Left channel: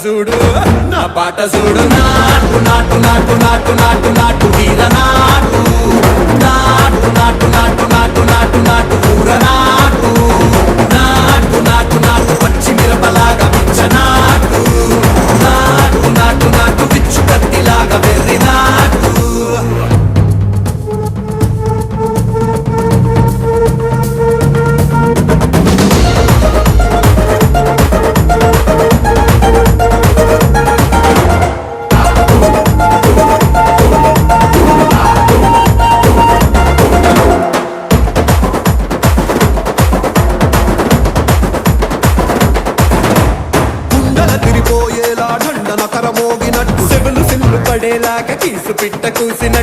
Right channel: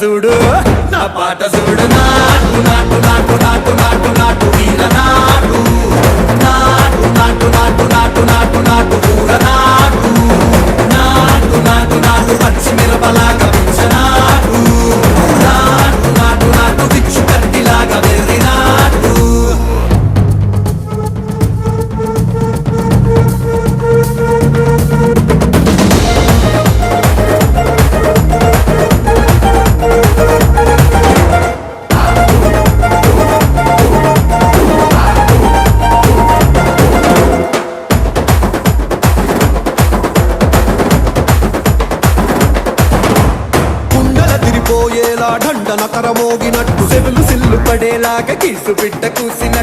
చూడు నా పాట చూడు నాటు నాటు నాటు నాటు నాటు నాటు తీర నాటు నాటు నాటు నాటు నాటు నాటు నాటు కూర నాటు నాటు నాటు నాటు పచ్చి మిరపలాగా పిచ్చ నాటు నాటు నాటు నాటు పిచ్చు కత్తిలాగా వెర్రి నాటు దండన కరమోగినట్టు సెవులు సిల్లు పడేలాగా కీసు పిట్ట కూసిన